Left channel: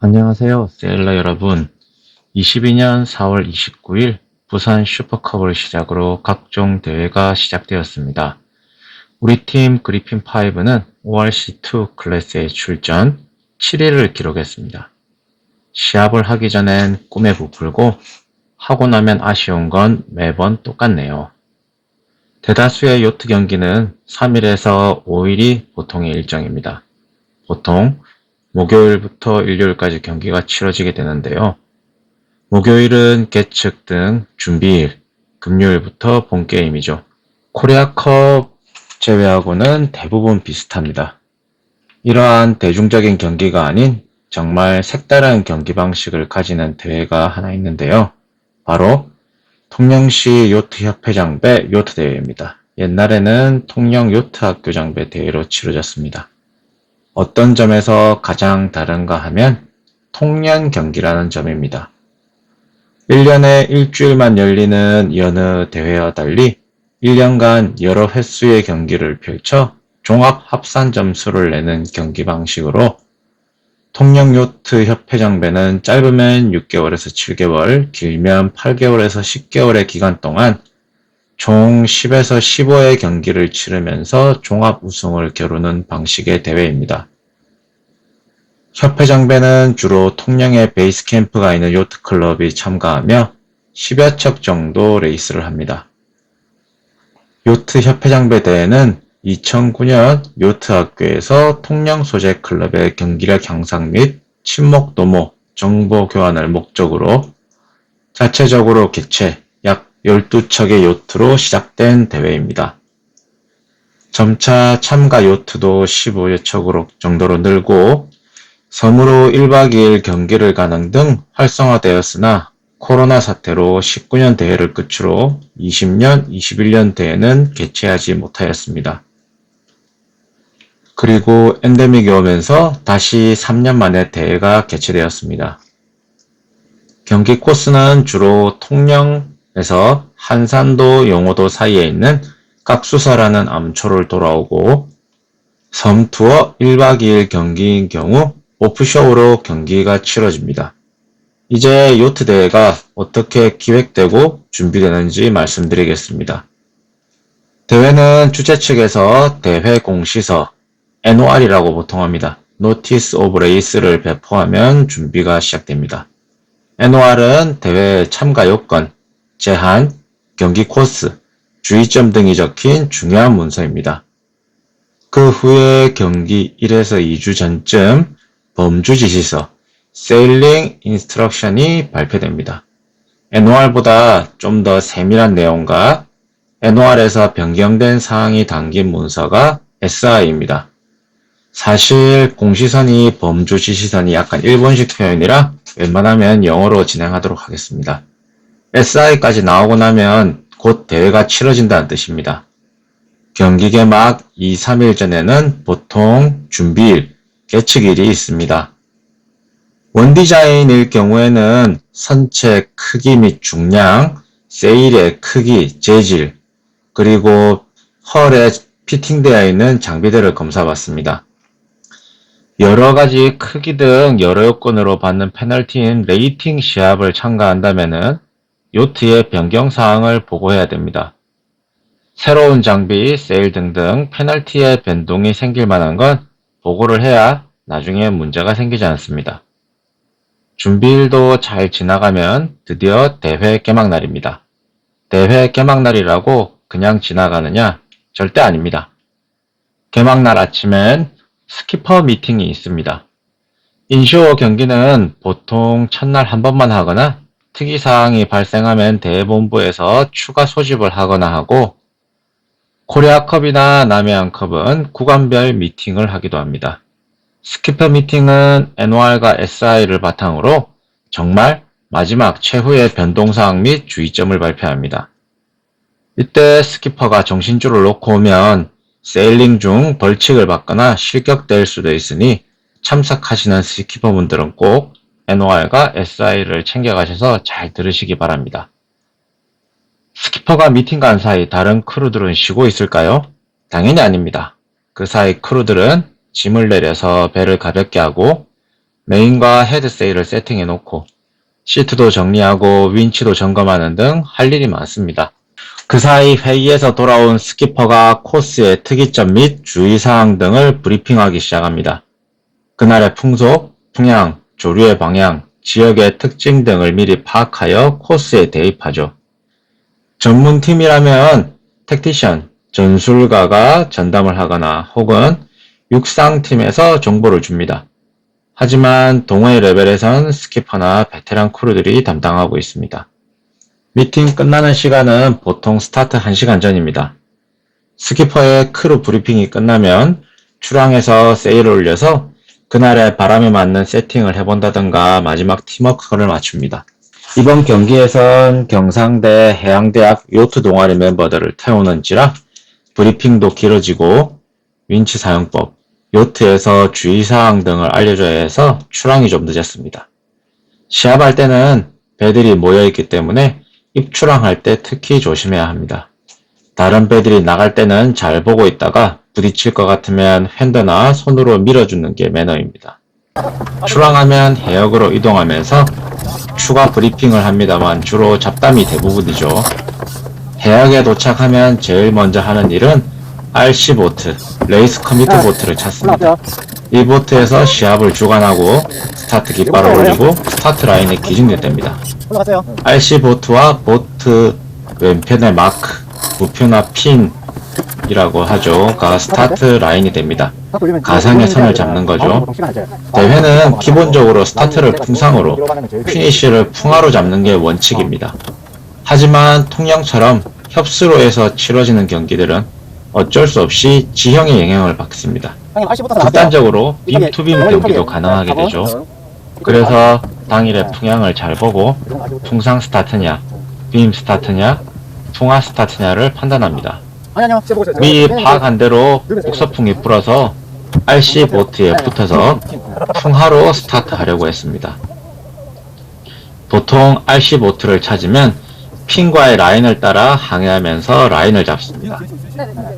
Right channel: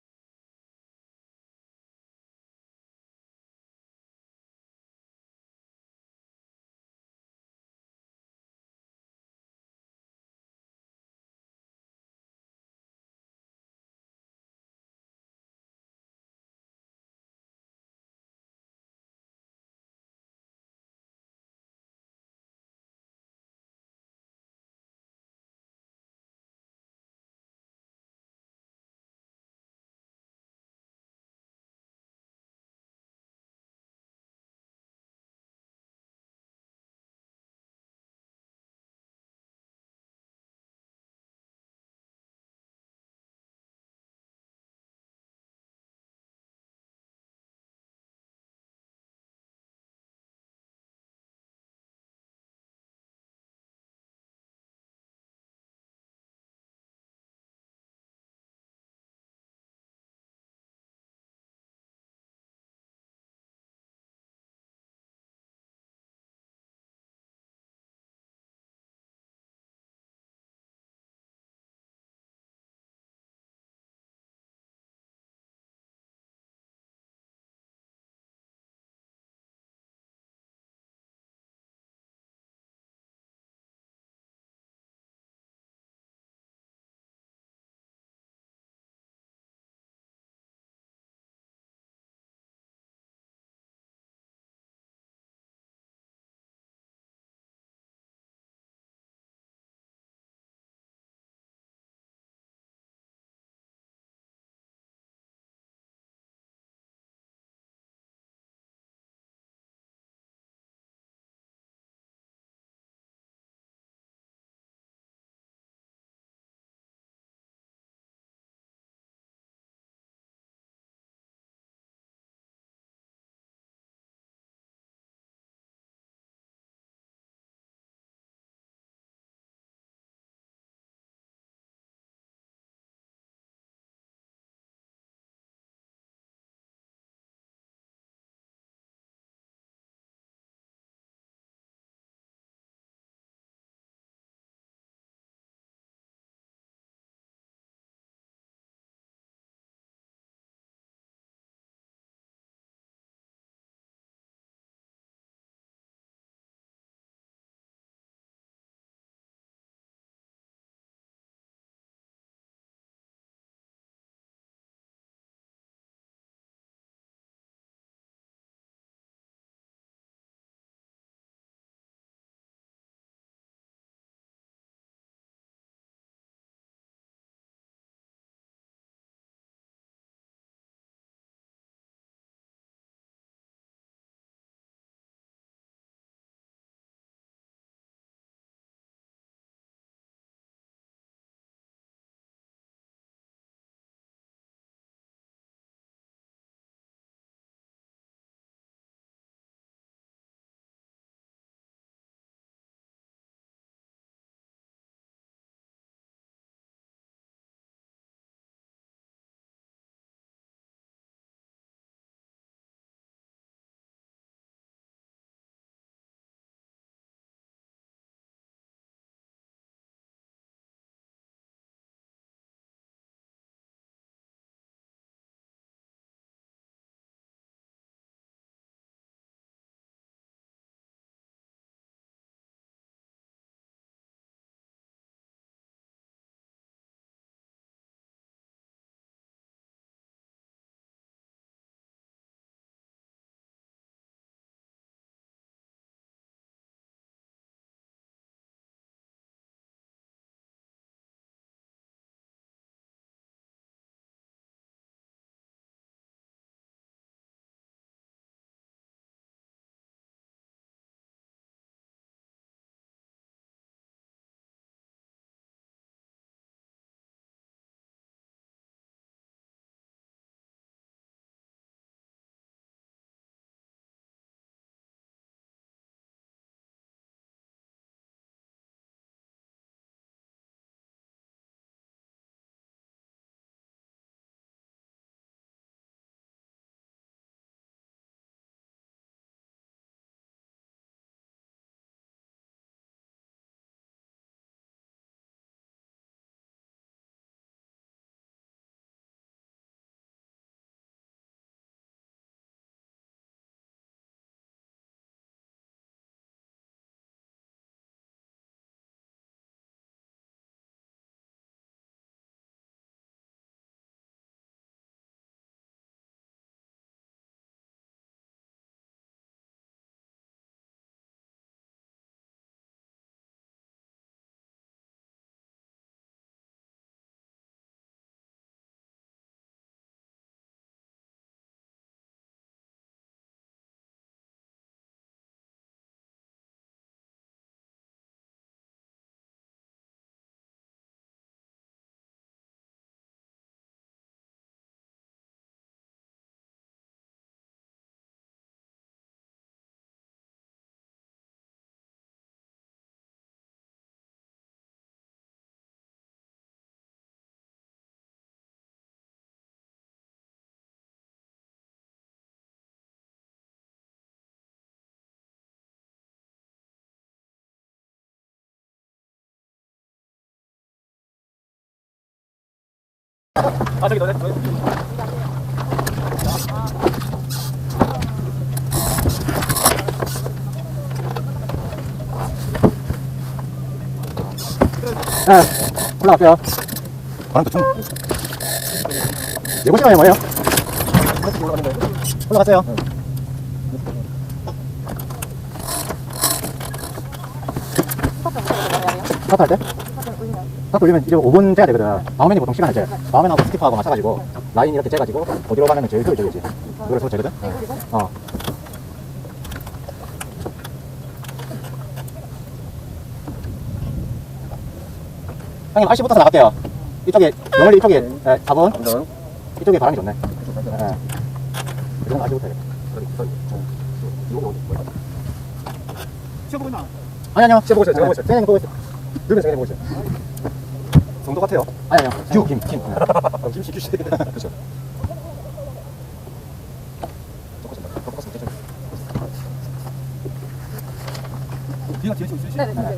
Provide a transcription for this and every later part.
안녕하세요, 세일러 여러분. 22년 4월 29일 부산 슈퍼컵을 시작으로 각종 대회가 시작되었습니다. 우리 팀 그리핀 5는 ORC2 클래스에 출전 7위를 기록했습니다. 시합을 하기 전엔 꿈에 부풀고 하고 나면 아쉬운 건 매번 똑같네요. 대다수의 요트 경기는 3일에서 5일이 보통의 일정입니다. 보통 목요일부터 일요일까지 경기가 치러지게 되는데요. 목요일은 계측 등 준비일, 금요일부터 본 게임이죠. 코리아컵 제외하고는 대부분 비슷합니다. 이러한 대중적인 경기가 아닌 정말 색다른 경기 방식을 가지는 대회가 하나 있는데요. 바로 통영시 요트 협회장배 요트 대회입니다. 옛날에는 통영 요트 학교 장배 대회로 치러졌습니다. 어떤 점에서 가장 다른가 하면 통년 경기라는 점입니다. 1년에 일주일만 열리는 여느 대회와 달리 1년간 여러 횟수의 경기를 펼쳐 종합 합산 점수를 내는 경기 방식으로 통영 요트 협회장배는 짧으면 6개월에서 7개월, 길면 8개월에서 10개월의 기간 동안 총 10에서 15의 경기를 치르면서 종합 우승을 겨루는 방식의 대회입니다. 협회 장배는 주로 통영에 베이스 캠프가 있는 요트 클럽이 참가하며 10여 척 정도 레이스를 합니다. 요트 협회 장배 대회는 2009년 요트 학교에서 통영 소재 클럽의 경기력 향상 및 친목 도모 정보 교환을 목적으로 자체적으로 개최 약 12척의 요트로 시작된 대회입니다. 점차 참가 요트도 15여 척으로 정도로 늘고 섬으로 1박 2일 경기를 가는 등 활성화되었으나 코로나 사태로 19년 대회를 끝으로 20년, 21년 대회는 개최하지 못하였습니다. 그리고 엔데믹이 오면서 다시 3년 만에 대회가 개최되었습니다. 경기 코스는 주로 통영 에서 한산도 용호도 사이에 있는 깍수사라는 암초를 돌아오고 섬 투어 1박 2일 경기인 경우 오프쇼로 경기가 치러집니다. 이제 요트 대회가 어떻게 기획되고 준비되는지 말씀드리겠습니다. 대회는 주최 측에서 대회 공시서 NOR이라고 보통 합니다. Notice of Race를 배포하면 준비가 시작됩니다. NOR은 대회 참가 요건, 제한, 경기 코스, 주의점 등이 적힌 중요한 문서입니다. 그 후에 경기 1에서 2주 전쯤 범주 지시서 Sailing Instruction이 발표됩니다. NOR보다 좀 더 세밀한 내용과 NOR에서 변경된 사항이 담긴 문서가 SI입니다. 사실 공시선이 범주 지시선이 약간 일본식 표현이라 웬만하면 영어로 진행하도록 하겠습니다. SI까지 나오고 나면 곧 대회가 치러진다는 뜻입니다. 경기 개막 2, 3일 전에는 보통 준비일, 계측일이 있습니다. 원디자인일 경우에는 선체 크기 및 중량, 세일의 크기, 재질, 그리고 헐에 피팅되어 있는 장비들을 검사받습니다. 여러 가지 크기 등 여러 요건으로 받는 페널티인 레이팅 시합을 참가한다면 요트의 변경 사항을 보고해야 됩니다. 새로운 장비, 세일 등등 페널티의 변동이 생길 만한 건 보고를 해야 나중에 문제가 생기지 않습니다. 준비일도 잘 지나가면 드디어 대회 개막날입니다. 대회 개막날이라고 그냥 지나가느냐? 절대 아닙니다. 개막날 아침엔 스키퍼 미팅이 있습니다. 인쇼어 경기는 보통 첫날 한 번만 하거나 특이사항이 발생하면 대본부에서 추가 소집을 하거나 하고 코리아컵이나 남해안컵은 구간별 미팅을 하기도 합니다. 스키퍼 미팅은 NOR과 SI를 바탕으로 정말 마지막 최후의 변동사항 및 주의점을 발표합니다. 이때 스키퍼가 정신줄을 놓고 오면 세일링 중 벌칙을 받거나 실격될 수도 있으니 참석하시는 스키퍼분들은 꼭 NOR과 SI를 챙겨가셔서 잘 들으시기 바랍니다. 스키퍼가 미팅 간 사이 다른 크루들은 쉬고 있을까요? 당연히 아닙니다. 그 사이 크루들은 짐을 내려서 배를 가볍게 하고 메인과 헤드 세일을 세팅해 놓고 시트도 정리하고 윈치도 점검하는 등 할 일이 많습니다. 그 사이 회의에서 돌아온 스키퍼가 코스의 특이점 및 주의사항 등을 브리핑하기 시작합니다. 그날의 풍속, 풍향, 조류의 방향, 지역의 특징 등을 미리 파악하여 코스에 대입하죠. 전문팀이라면 택티션, 전술가가 전담을 하거나 혹은 육상팀에서 정보를 줍니다. 하지만 동호회 레벨에선 스키퍼나 베테랑 크루들이 담당하고 있습니다. 미팅 끝나는 시간은 보통 스타트 1시간 전입니다. 스키퍼의 크루 브리핑이 끝나면 출항해서 세일을 올려서 그날의 바람에 맞는 세팅을 해본다던가 마지막 팀워크를 맞춥니다. 이번 경기에선 경상대 해양대학 요트 동아리 멤버들을 태우는지라 브리핑도 길어지고 윈치 사용법, 요트에서 주의사항 등을 알려줘야 해서 출항이 좀 늦었습니다. 시합할 때는 배들이 모여있기 때문에 입출항할 때 특히 조심해야 합니다. 다른 배들이 나갈 때는 잘 보고 있다가 부딪힐 것 같으면 핸드나 손으로 밀어주는 게 매너입니다. 출항하면 해역으로 이동하면서 추가 브리핑을 합니다만 주로 잡담이 대부분이죠. 해역에 도착하면 제일 먼저 하는 일은 RC 보트, 레이스 커뮤터 보트를 찾습니다. 이 보트에서 시합을 주관하고 스타트 깃발을 올리고 스타트 라인에 기준됩니다. 올라가세요. RC 보트와 보트 왼편의 마크, 우표나 핀 이라고 하죠.가 스타트 라인이 됩니다. 딱 돌리면 가상의 선을 잡는 거죠. 대회는 나오는 기본적으로 거 스타트를 풍상으로, 피니쉬를 풍하로 잡는 게 원칙입니다. 하지만 통영처럼 협수로에서 치러지는 경기들은 어쩔 수 없이 지형의 영향을 받습니다. 빔투빔 영월이 경기도 가능하게. 되죠. 그래서. 당일의 네. 풍향을 잘 보고. 풍상 스타트냐, 빔 스타트냐, 풍화 스타트냐를 판단합니다. 아니 아니요. 미리 그냥 파악한 대로 누르세요. 폭서풍이 불어서 RC 보트에 네, 붙어서 풍하로 스타트하려고 했습니다. 보통 RC 보트를 찾으면 핀과의 라인을 따라 항해하면서 라인을 잡습니다.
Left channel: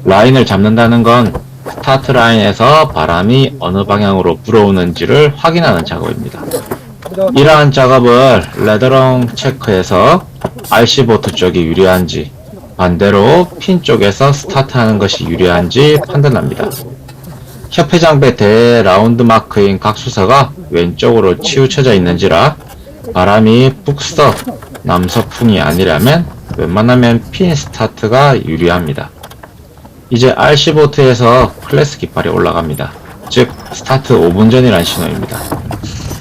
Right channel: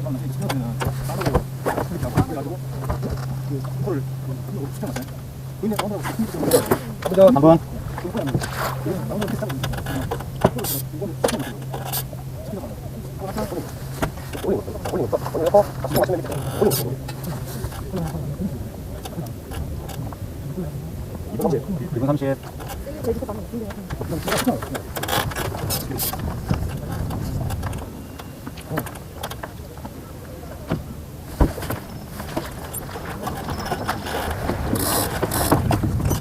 라인을 잡는다는 건 스타트 라인에서 바람이 어느 방향으로 불어오는지를 확인하는 작업입니다. 이러한 작업을 레더롱 체크해서 RC 보트 쪽이 유리한지 반대로 핀 쪽에서 스타트하는 것이 유리한지 판단합니다. 협회 장배 대 라운드 마크인 각수서가 왼쪽으로 치우쳐져 있는지라 바람이 북서, 남서풍이 아니라면 웬만하면 핀 스타트가 유리합니다. 이제 RC 보트에서 클래스 깃발이 올라갑니다. 즉 스타트 5분 전이란 신호입니다.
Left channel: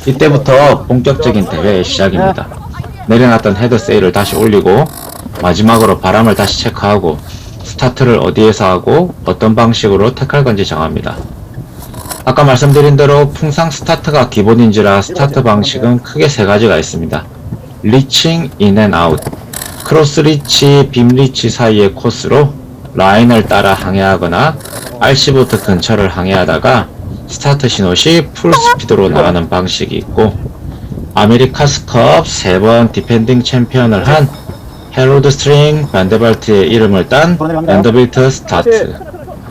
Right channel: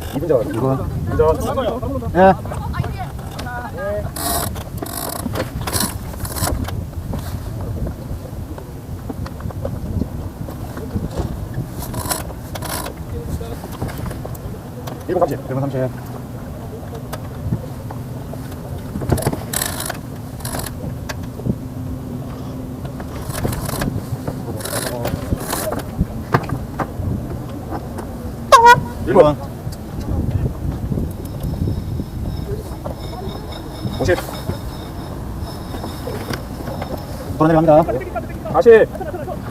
이때부터 본격적인 대회의 시작입니다. 내려놨던 헤드 세일을 다시 올리고 마지막으로 바람을 다시 체크하고 스타트를 어디에서 하고 어떤 방식으로 택할 건지 정합니다. 아까 말씀드린 대로 풍상 스타트가 기본인지라 스타트 방식은 크게 세 가지가 있습니다. 리칭 인앤 아웃 크로스 리치, 빔 리치 사이의 코스로 라인을 따라 항해하거나 RC보트 근처를 항해하다가 스타트 신호 시 풀 스피드로 나가는 방식이 있고 아메리카스컵 세번 디펜딩 챔피언을 한 헤로드 스트링 반데발트의 이름을 딴 반더빌트 스타트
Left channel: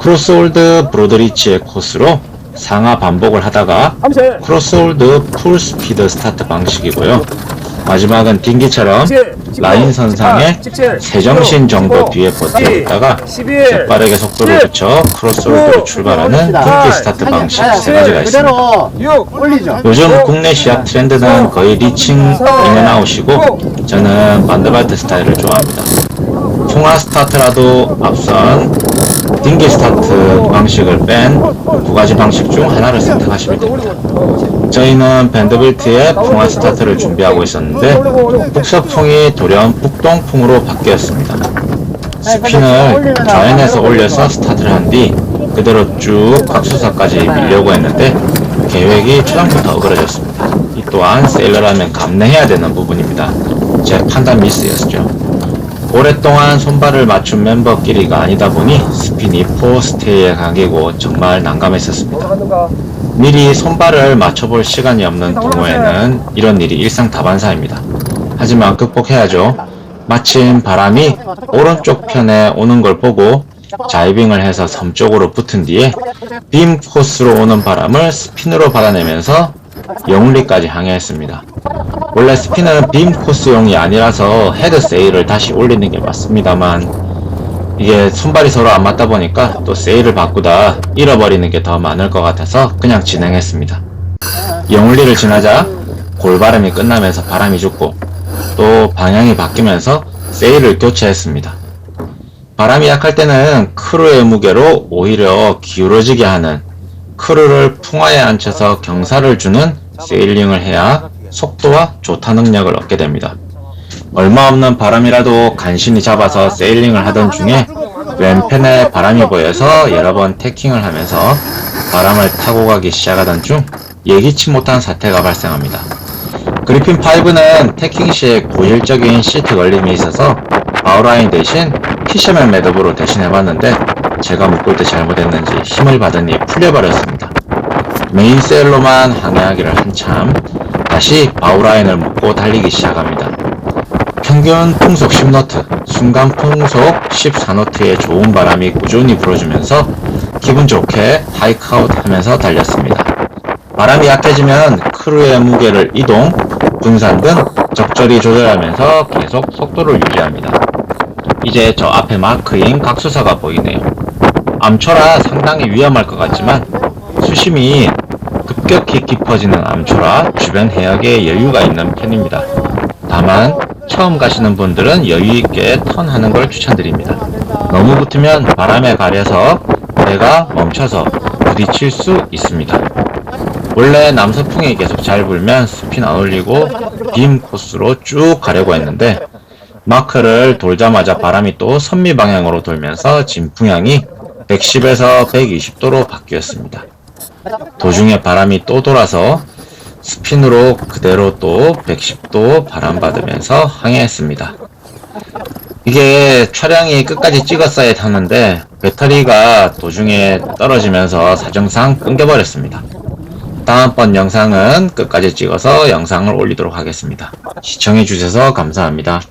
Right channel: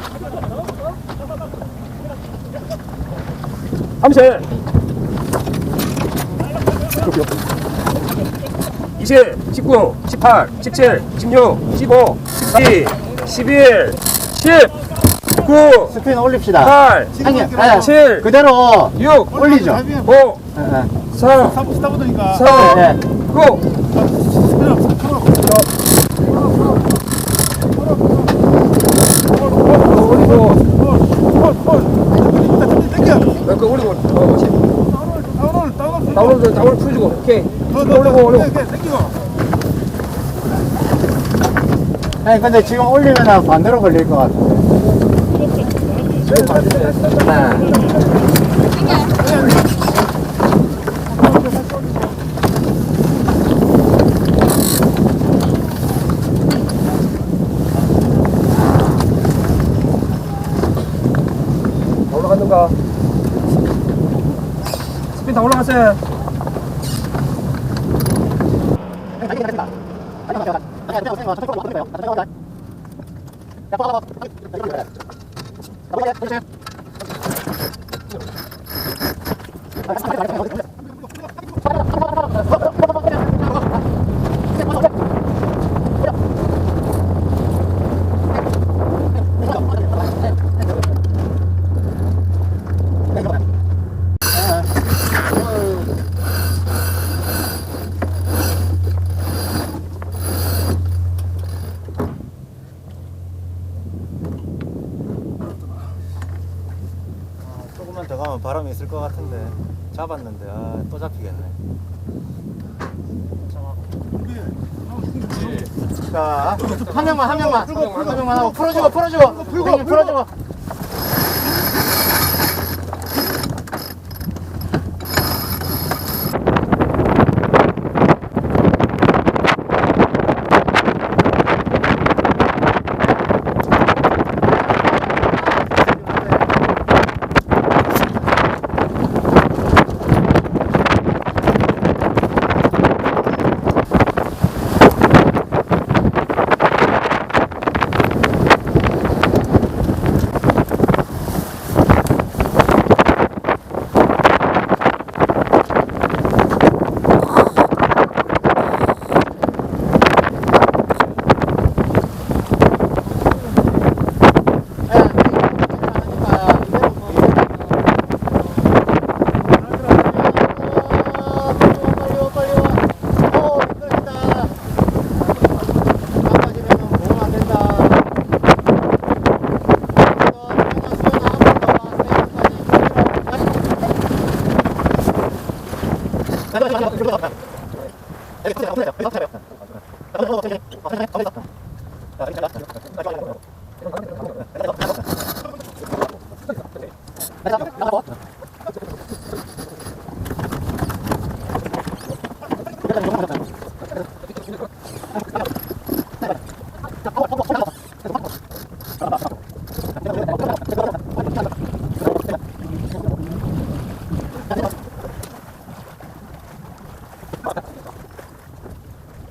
크로스홀드 브로드리치의 코스로 상하 반복을 하다가. 크로스홀드 풀 스피드 스타트 방식이고요. 마지막은 딩기처럼 17, 19, 라인 선상에 17, 세정신 정도 15, 뒤에 12, 버티다가 11, 빠르게 속도를 10, 붙여 크로스홀드로 9, 출발하는 올립시다. 딩기 스타트 팔, 방식 아니, 세 가지가 있습니다. 그대로 6, 올리죠. 요즘 오, 국내 시합 네. 트렌드는 거의 리칭 인앤아웃이고 저는 반드발트 스타일을 좋아합니다. 통화 스타트라도 앞선 딩기 스타트 방식을 뺀 두 가지 방식 중 하나를 선택하시면 됩니다. 저희는 밴드빌트의 풍화 스타트를 준비하고 있었는데 북서풍이 돌연 북동풍으로 바뀌었습니다. 올리면 좌연에서 올려서. 스타트를 한 뒤 그대로 쭉 각수사까지 밀려고 했는데 계획이 처음부터 어그러졌습니다. 이 또한 세일러라면 감내해야 되는 부분입니다. 제 판단 미스였죠. 오랫동안 손발을 맞춘 멤버끼리가 아니다 보니 스핀이 포스트에 가기고 정말 난감했었습니다. 미리 손발을 맞춰볼 시간이 없는 경우에는 이런 일이 일상 다반사입니다. 하지만 극복해야죠. 마침 바람이 오른쪽 편에 오는 걸 보고 자이빙을 해서 섬 쪽으로 붙은 뒤에 빔 코스로 오는 바람을 스핀으로 받아내면서 영리까지 항해했습니다. 원래 스피는 빔 코스용이 아니라서 헤드 세일을 다시 올리는 게 맞습니다만 이게 손발이 서로 안 맞다 보니까 또 세일을 바꾸다 잃어버리는 게 더 많을 것 같아서 그냥 진행했습니다. 영울리를 지나자 골바람이 끝나면서 바람이 죽고 또 방향이 바뀌면서 세일을 교체했습니다. 바람이 약할 때는 크루의 무게로 오히려 기울어지게 하는 크루를 풍화에 앉혀서 경사를 주는 세일링을 해야 속도와 조타 능력을 얻게 됩니다. 얼마 없는 바람이라도 간신히 잡아서 세일링을 하던 중에 왼편에 바람이 보여서 여러 번 태킹을 하면서 바람을 타고 가기 시작하던 중 예기치 못한 사태가 발생합니다. 그리핀 5는 태킹 시에 고일적인 시트 걸림이 있어서 아웃라인 대신 피셔맨 매듭으로 대신해봤는데 제가 묶을 때 잘못했는지 힘을 받으니 풀려버렸습니다. 메인 세일로만 항해하기를 한참 다시 아웃라인을 묶고 달리기 시작합니다. 평균 풍속 10노트, 순간 풍속 14노트의 좋은 바람이 꾸준히 불어주면서 기분 좋게 하이크아웃 하면서 달렸습니다. 바람이 약해지면 크루의 무게를 이동, 분산근 적절히 조절하면서 계속 속도를 유지합니다. 이제 저 앞에 마크인 각수사가 보이네요. 암초라 상당히 위험할 것 같지만 수심이 급격히 깊어지는 암초라 주변 해역에 여유가 있는 편입니다. 처음 가시는 분들은 여유 있게 턴하는 걸 추천드립니다. 너무 붙으면 바람에 가려서 배가 멈춰서 부딪힐 수 있습니다. 원래 남서풍이 계속 잘 불면 스핀 안 올리고 빔 코스로 쭉 가려고 했는데 마크를 돌자마자 바람이 또 선미 방향으로 돌면서 진풍향이 110에서 120도로 바뀌었습니다. 도중에 바람이 또 돌아서 스핀으로 그대로 또 110도 바람 받으면서 항해했습니다. 이게 차량이 끝까지 찍었어야 타는데 배터리가 도중에 떨어지면서 사정상 끊겨버렸습니다. 다음번 영상은 끝까지 찍어서 영상을 올리도록 하겠습니다. 시청해주셔서 감사합니다.